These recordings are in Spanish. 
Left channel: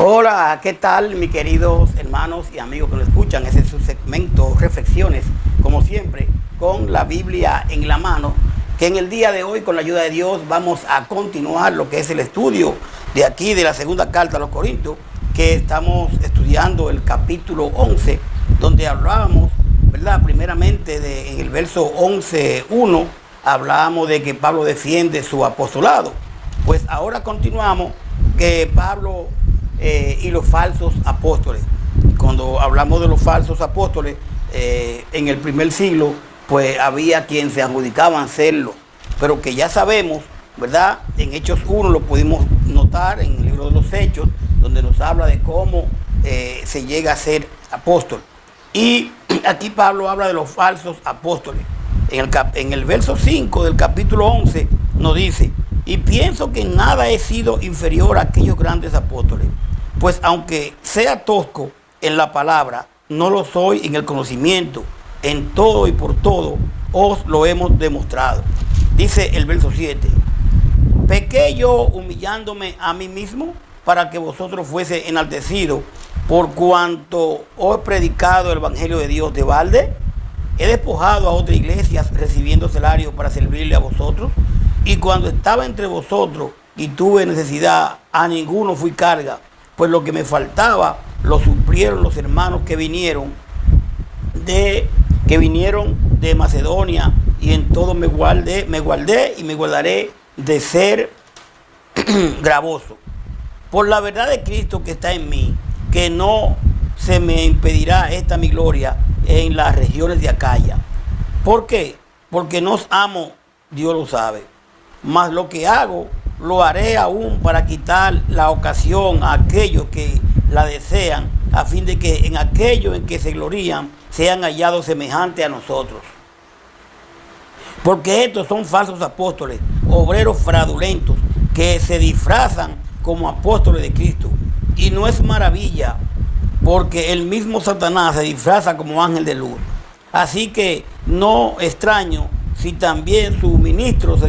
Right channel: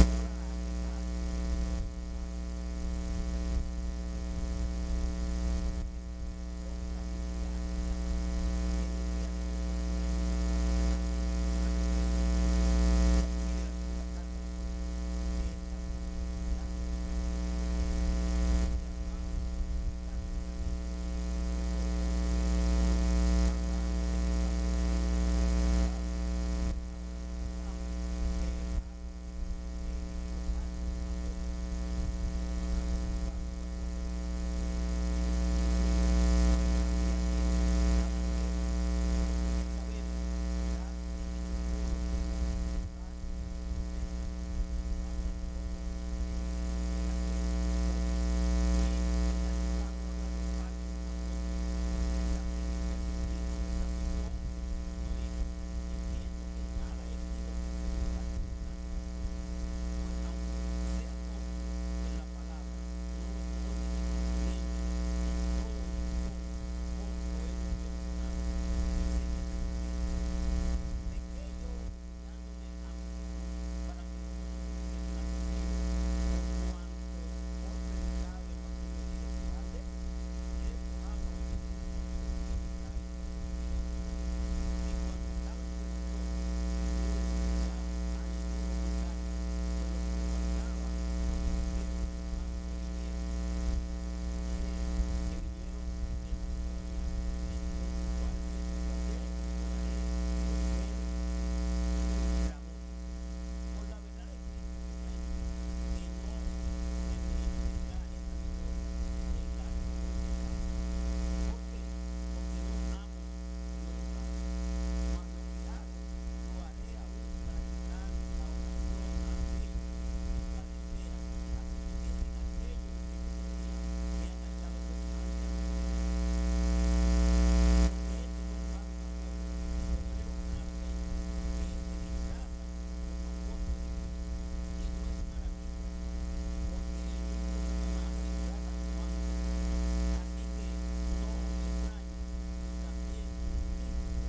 Hola, ¿qué tal mis queridos hermanos y amigos que nos escuchan? Ese es su segmento Reflexiones, como siempre, con la Biblia en la mano, que en el día de hoy, con la ayuda de Dios, vamos a continuar lo que es el estudio de aquí, de la segunda carta a los Corintios, que estamos estudiando el capítulo 11, donde hablábamos, ¿verdad? Primeramente, en el verso 11:1, hablábamos de que Pablo defiende su apostolado. Pues ahora continuamos que Pablo y los falsos apóstoles. Cuando hablamos de los falsos apóstoles, en el primer siglo, pues había quien se adjudicaban serlo, pero que ya sabemos, ¿verdad? En Hechos 1 lo pudimos notar en el libro de los Hechos, donde nos habla de cómo se llega a ser apóstol. Y aquí Pablo habla de los falsos apóstoles. En el verso 5 del capítulo 11 nos dice: y pienso que en nada he sido inferior a aquellos grandes apóstoles, pues aunque sea tosco en la palabra, no lo soy en el conocimiento. En todo y por todo os lo hemos demostrado. Dice el verso 7: ¿pequé yo humillándome a mí mismo para que vosotros fuese enaltecidos por cuanto os he predicado el evangelio de Dios de balde? ¿He despojado a otras iglesias recibiendo salario para servirle a vosotros? Y cuando estaba entre vosotros y tuve necesidad, a ninguno fui carga, pues lo que me faltaba lo suplieron los hermanos que vinieron de Macedonia, y en todo me guardé y me guardaré de ser gravoso. Por la verdad de Cristo que está en mí, que no se me impedirá esta mi gloria en las regiones de Acaya. ¿Por qué? Porque no os amo, Dios lo sabe. Mas lo que hago, lo haré aún para quitar la ocasión a aquellos que la desean, a fin de que en aquello en que se glorían sean hallados semejantes a nosotros. Porque estos son falsos apóstoles, obreros fraudulentos, que se disfrazan como apóstoles de Cristo. Y no es maravilla, porque el mismo Satanás se disfraza como ángel de luz. Así que no extraño si también sus ministros se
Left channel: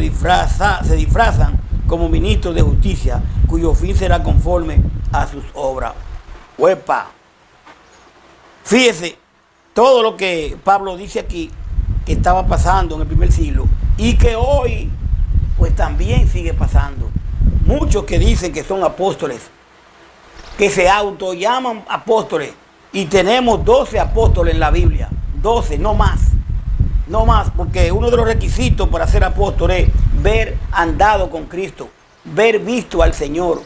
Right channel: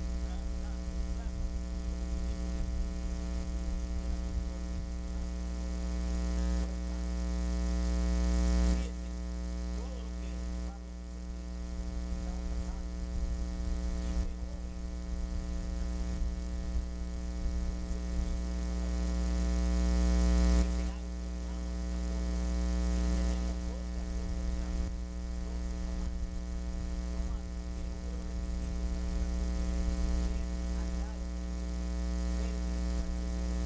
disfrazan como ministros de justicia, cuyo fin será conforme a sus obras. ¡Huepa! Fíjese todo lo que Pablo dice aquí, que estaba pasando en el primer siglo, y que hoy pues también sigue pasando. Muchos que dicen que son apóstoles, que se autollaman apóstoles, y tenemos 12 apóstoles en la Biblia, 12, no más. No más, porque uno de los requisitos para ser apóstol es ver andado con Cristo, ver visto al Señor.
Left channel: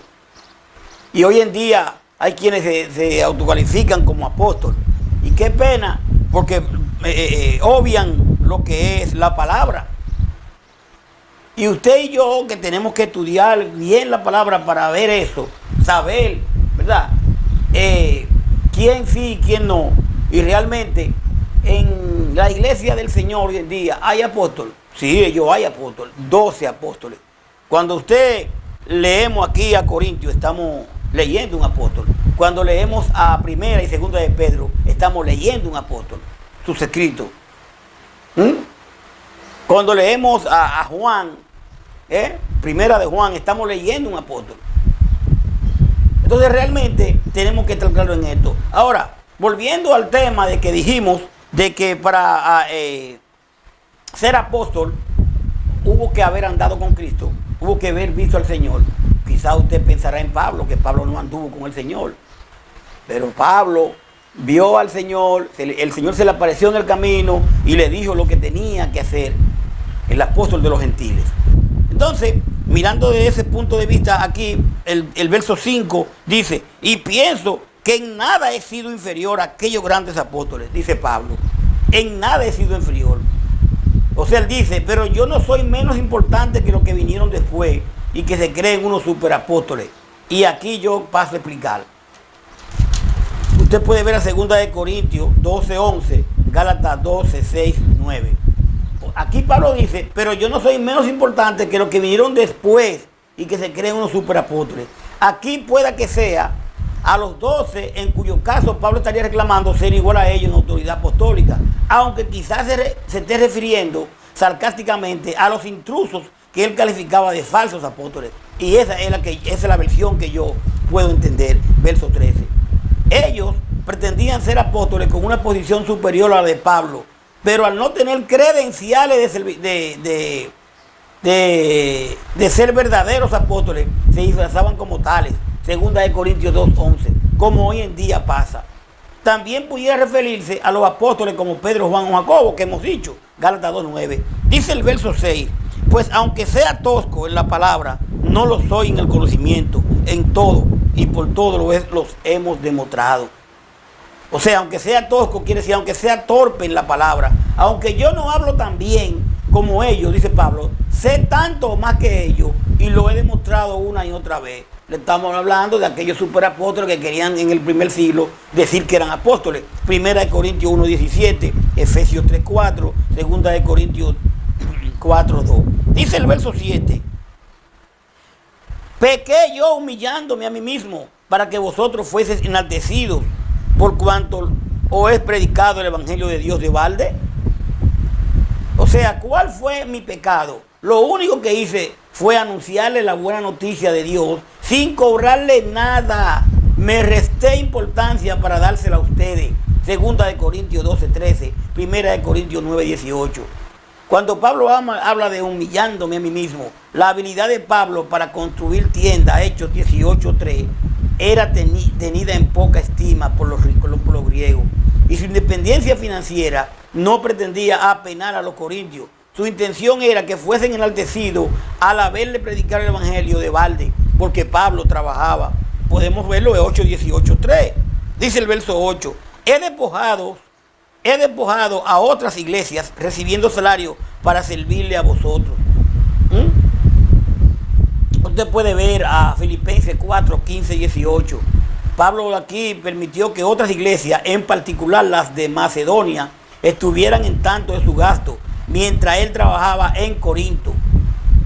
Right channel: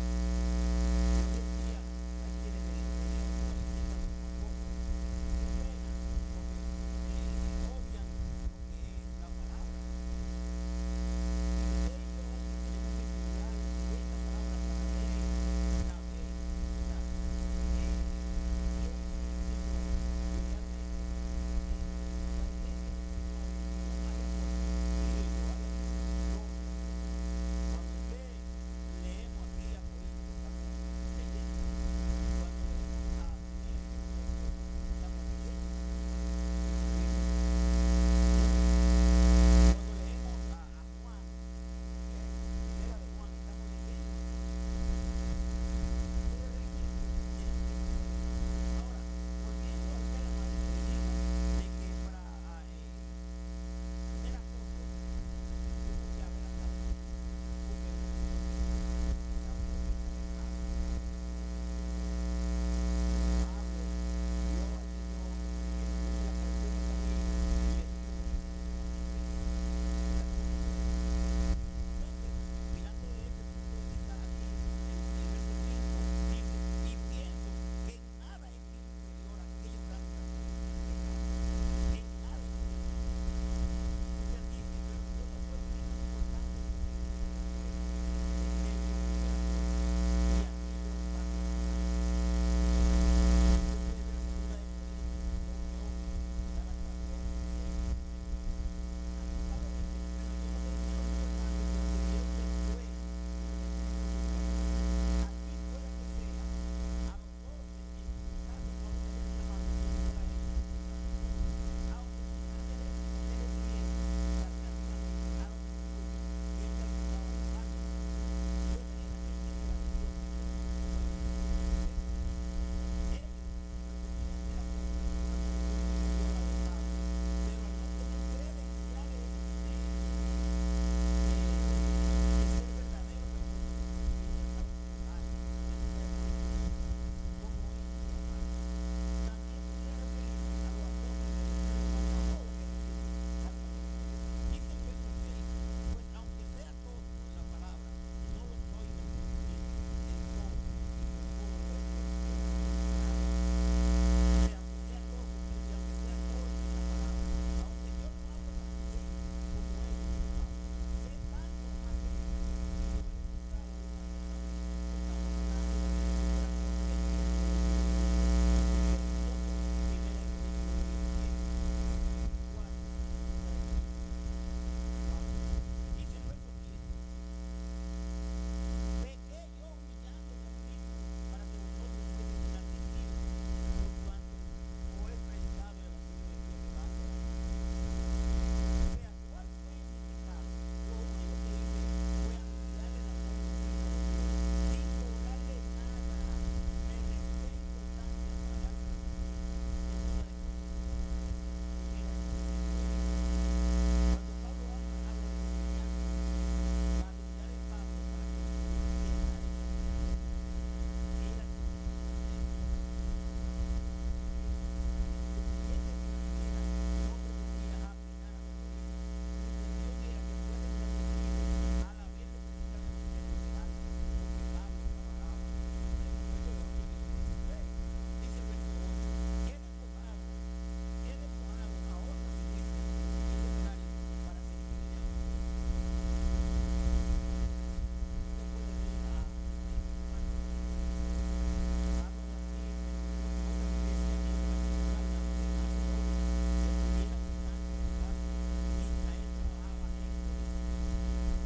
Y hoy en día hay quienes se autocalifican como apóstol. Y qué pena, porque obvian lo que es la palabra. Y usted y yo, que tenemos que estudiar bien la palabra para ver eso, saber, ¿verdad? Quién sí y quién no. Y realmente en la iglesia del Señor hoy en día hay apóstoles. Sí, hay apóstoles, 12 apóstoles. Cuando usted leemos aquí a Corintios, estamos leyendo un apóstol. Cuando leemos a Primera y Segunda de Pedro, estamos leyendo un apóstol, sus escritos. Cuando leemos a Juan, Primera de Juan, estamos leyendo un apóstol. Entonces realmente tenemos que estar claros en esto. Ahora, volviendo al tema de que dijimos de que para ser apóstol hubo que haber andado con Cristo, hubo que haber visto al Señor. Quizá usted pensará en Pablo, que Pablo no anduvo con el Señor, pero Pablo vio al Señor, el Señor se le apareció en el camino y le dijo lo que tenía que hacer, el apóstol de los gentiles. Entonces, mirando desde ese punto de vista, aquí el verso 5 dice: y pienso que en nada he sido inferior a aquellos grandes apóstoles, dice Pablo. En nada he sido inferior. O sea, él dice, pero yo no soy menos importante que los que vinieron después y que se creen unos superapóstoles. Y aquí yo paso a explicar. Usted puede ver a 2 de Corintios 12:11, Gálatas 12:6-9. Aquí Pablo dice, pero yo no soy menos importante que los que vinieron después y que se creen unos superapóstoles. Aquí pueda que sea a los 12, en cuyo caso Pablo estaría reclamando ser igual a ellos en autoridad apostólica, aunque quizás se esté refiriendo sarcásticamente a los intrusos que él calificaba de falsos apóstoles. Y esa es la versión que yo puedo entender. Verso 13. Ellos pretendían ser apóstoles con una posición superior a la de Pablo, pero al no tener credenciales de ser verdaderos apóstoles, se disfrazaban como tales. Segunda de Corintios 2:11, como hoy en día pasa. También pudiera referirse a los apóstoles como Pedro, Juan o Jacobo, que hemos dicho, Gálatas 2:9. Dice el verso 6, pues aunque sea tosco en la palabra, no lo soy en el conocimiento, en todo y por todo los hemos demostrado. O sea, aunque sea tosco, quiere decir, aunque sea torpe en la palabra, aunque yo no hablo tan bien como ellos, dice Pablo, sé tanto más que ellos y lo he demostrado una y otra vez. Le estamos hablando de aquellos superapóstoles que querían en el primer siglo decir que eran apóstoles. Primera de Corintios 1:17, Efesios 3:4, segunda de Corintios 4:2. Dice el verso 7, pequé yo humillándome a mí mismo para que vosotros fueseis enaltecidos por cuanto os he predicado el evangelio de Dios de balde. O sea, ¿cuál fue mi pecado? Lo único que hice fue anunciarle la buena noticia de Dios sin cobrarle nada. Me resté importancia para dársela a ustedes. Segunda de Corintios 12:13, primera de Corintios 9:18. Cuando Pablo habla de humillándome a mí mismo, la habilidad de Pablo para construir tiendas, Hechos 18:3, era tenida en poca estima por los ricos, por los griegos. Y su independencia financiera no pretendía apenar a los corintios. Su intención era que fuesen enaltecidos al haberle predicado el evangelio de balde, porque Pablo trabajaba. Podemos verlo en 8:18:3. Dice el verso 8, he despojado a otras iglesias recibiendo salario para servirle a vosotros. Usted puede ver a Filipenses 4:15-18. Pablo aquí permitió que otras iglesias, en particular las de Macedonia, estuvieran en tanto de su gasto, mientras él trabajaba en Corinto.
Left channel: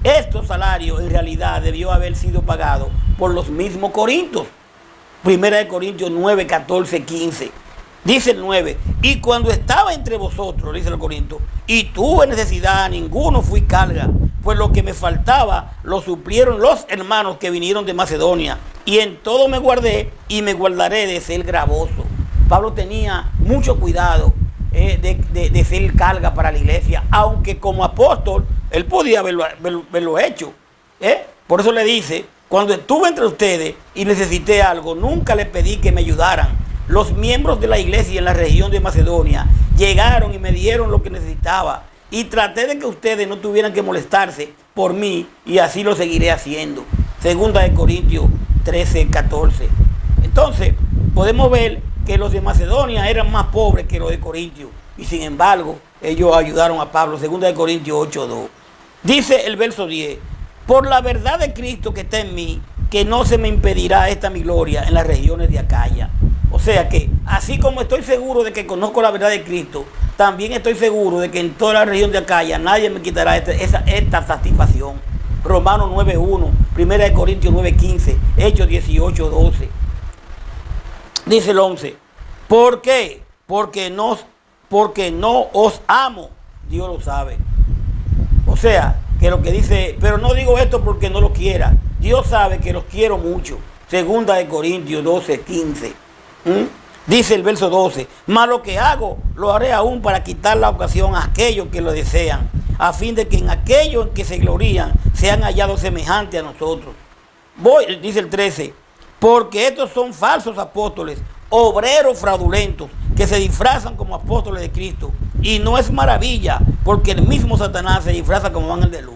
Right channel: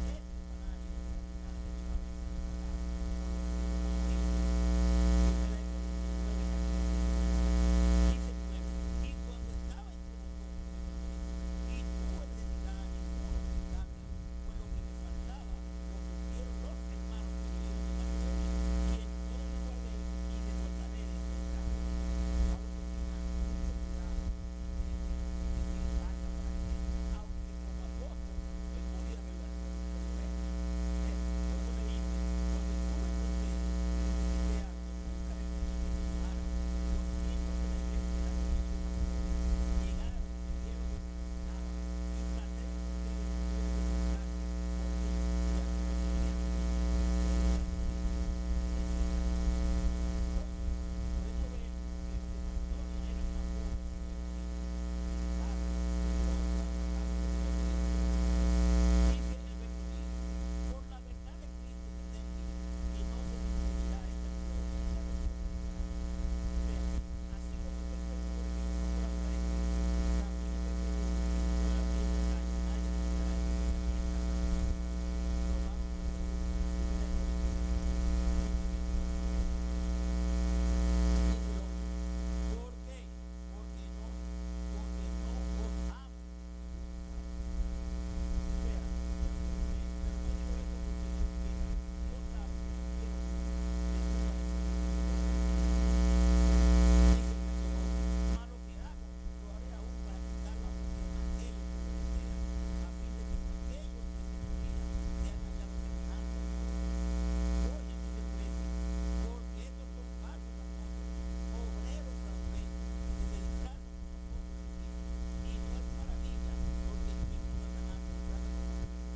Estos salarios en realidad debió haber sido pagados por los mismos corintios. Primera de Corintios 9:14-15. Dice el 9, y cuando estaba entre vosotros, dice el Corinto, y tuve necesidad, a ninguno fui carga, pues lo que me faltaba lo suplieron los hermanos que vinieron de Macedonia, y en todo me guardé y me guardaré de ser gravoso. Pablo tenía mucho cuidado de ser carga para la iglesia, aunque como apóstol él podía haberlo hecho. Por eso le dice, cuando estuve entre ustedes y necesité algo, nunca les pedí que me ayudaran. Los miembros de la iglesia en la región de Macedonia llegaron y me dieron lo que necesitaba, y traté de que ustedes no tuvieran que molestarse por mí, y así lo seguiré haciendo. Segunda de Corintios 13:14. Entonces podemos ver que los de Macedonia eran más pobres que los de Corintios, y sin embargo ellos ayudaron a Pablo. Segunda de Corintios 8:2. Dice el verso 10, por la verdad de Cristo que está en mí, que no se me impedirá esta mi gloria en las regiones de Acaya. O sea que, así como estoy seguro de que conozco la verdad de Cristo, también estoy seguro de que en toda la región de Acaya nadie me quitará esta satisfacción. Romanos 9:1, Primera de Corintios 9:15, Hechos 18:12. Dice el 11, ¿por qué? Porque no os amo, Dios lo sabe. O sea, que lo que dice, pero no digo esto porque no lo quiera, Dios sabe que los quiero mucho. Segunda de Corintios 12:15. Dice el verso 12, mas lo que hago lo haré aún para quitar la ocasión a aquellos que lo desean, a fin de que en aquellos en que se glorían sean hallados semejantes a nosotros. Dice el 13, porque estos son falsos apóstoles, obreros fraudulentos, que se disfrazan como apóstoles de Cristo, y no es maravilla, porque el mismo Satanás se disfraza como ángel de luz.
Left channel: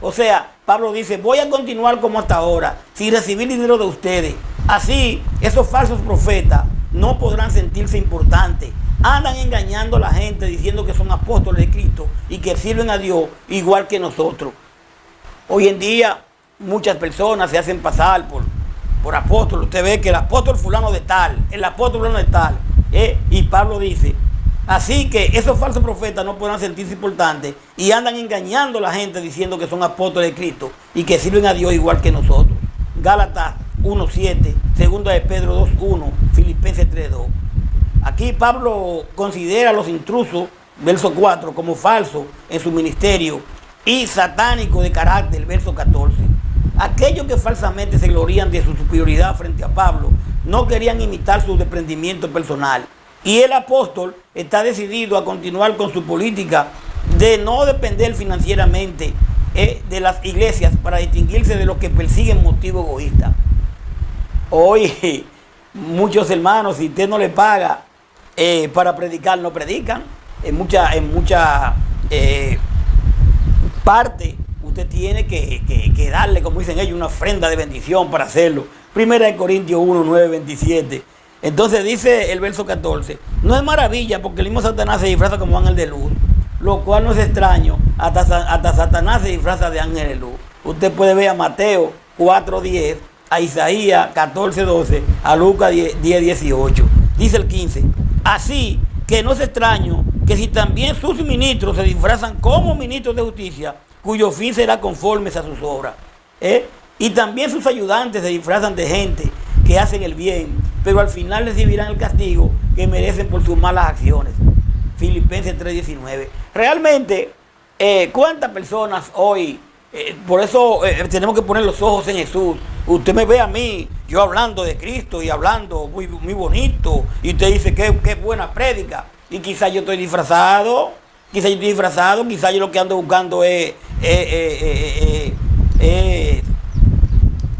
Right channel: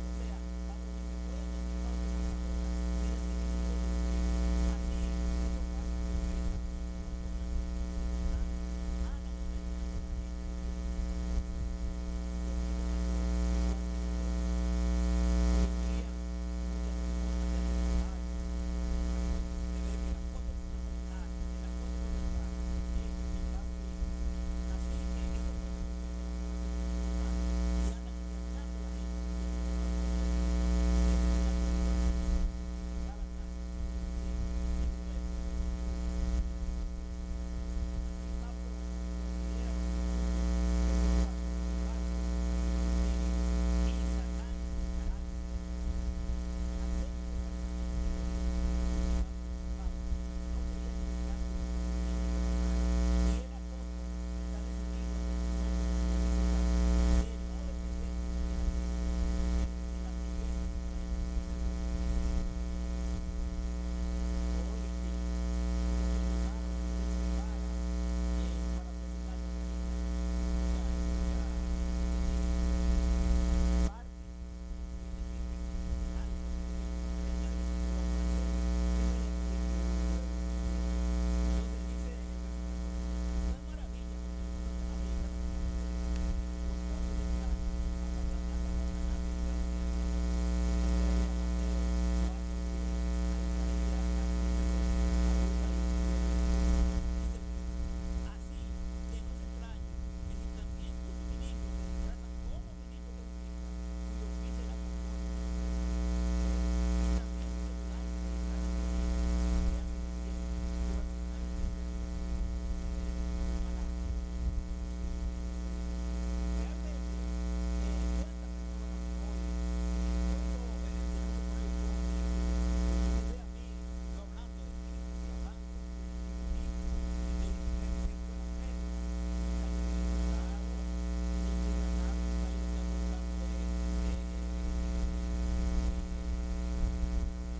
O sea, Pablo dice, voy a continuar como hasta ahora, sin recibir dinero de ustedes. Así, esos falsos profetas no podrán sentirse importantes. Andan engañando a la gente diciendo que son apóstoles de Cristo y que sirven a Dios igual que nosotros. Hoy en día muchas personas se hacen pasar por apóstoles. Usted ve que el apóstol fulano de tal, el apóstol fulano de tal. Y Pablo dice, así que esos falsos profetas no podrán sentirse importantes y andan engañando a la gente diciendo que son apóstoles de Cristo y que sirven a Dios igual que nosotros. Gálatas 1:7, segunda de Pedro 2:1, Filipenses 3:2. Aquí Pablo considera a los intrusos, verso 4, como falsos en su ministerio y satánicos de carácter, verso 14. Aquellos que falsamente se glorían de su superioridad frente a Pablo no querían imitar su desprendimiento personal. Y el apóstol está decidido a continuar con su política de no depender financieramente de las iglesias para distinguirse de los que persiguen motivos egoístas. Hoy muchos hermanos, si usted no le paga para predicar, no predican. En mucha parte usted tiene que darle, como dicen ellos, una ofrenda de bendición para hacerlo. Primera de Corintios 1, 9, 27. Entonces dice el verso 14, no es maravilla porque el mismo Satanás se disfraza como ángel de luz, lo cual no es extraño, hasta Satanás se disfraza de ángel de luz. Usted puede ver a Mateo 4, 10, a Isaías 14, 12, a Lucas 10, 18. Dice el 15, así que no es extraño que si también sus ministros se disfrazan como ministros de justicia, cuyo fin será conforme a sus obras. Y también sus ayudantes se disfrazan de gente que hacen el bien, pero al final recibirán el castigo que merecen por sus malas acciones. Filipenses 3:19. Realmente, ¿cuántas personas hoy? Por eso tenemos que poner los ojos en Jesús. Usted me ve a mí, yo hablando de Cristo y hablando muy, muy bonito, y usted dice que buena prédica, y quizás yo estoy disfrazado, quizás yo lo que ando buscando es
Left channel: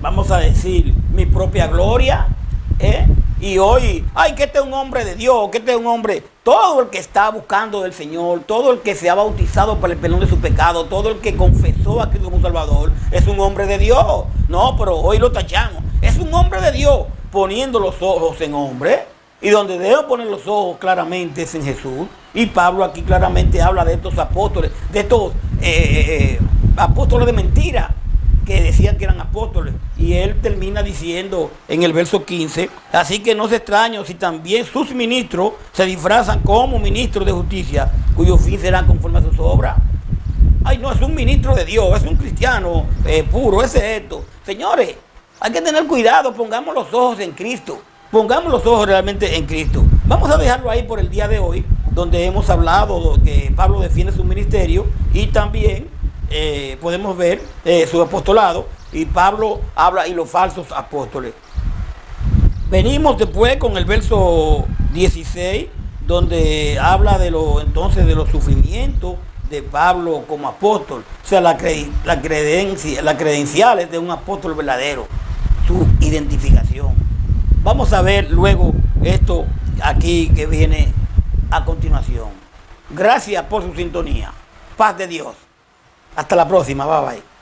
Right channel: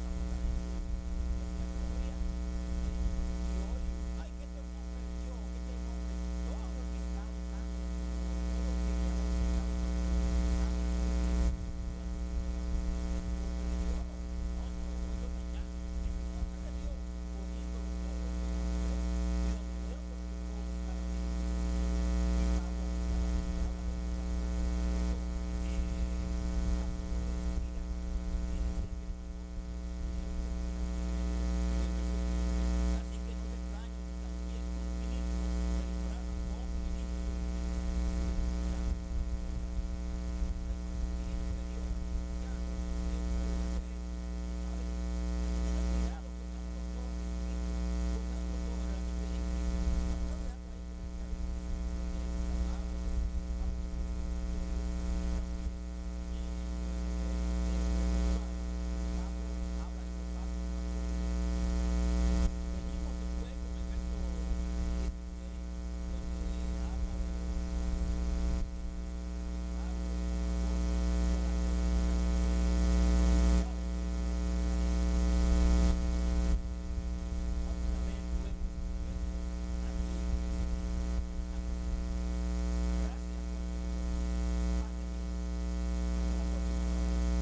vamos a decir, mi propia gloria. Y hoy, ay, que este es un hombre de Dios, que este es un hombre, todo el que está buscando del Señor, todo el que se ha bautizado para el perdón de su pecado, todo el que confesó a Cristo como Salvador, es un hombre de Dios. No, pero hoy lo tachamos, es un hombre de Dios, poniendo los ojos en hombre, y donde debo poner los ojos claramente es en Jesús. Y Pablo aquí claramente habla de estos apóstoles, de estos apóstoles de mentira, que decían que eran apóstoles, y él termina diciendo en el verso 15, así que no es extraño si también sus ministros se disfrazan como ministros de justicia, cuyo fin será conforme a sus obras. Ay, no, es un ministro de Dios, es un cristiano puro, ese es esto. Señores, hay que tener cuidado, pongamos los ojos en Cristo, pongamos los ojos realmente en Cristo. Vamos a dejarlo ahí por el día de hoy, donde hemos hablado que Pablo defiende su ministerio y también podemos ver su apostolado, y Pablo habla y los falsos apóstoles. Venimos después con el verso 16, donde habla de entonces de los sufrimientos de Pablo como apóstol, o sea, las credenciales de un apóstol verdadero, su identificación. Vamos a ver luego esto aquí que viene a continuación. Gracias por su sintonía. Paz de Dios. Hasta la próxima. Bye bye.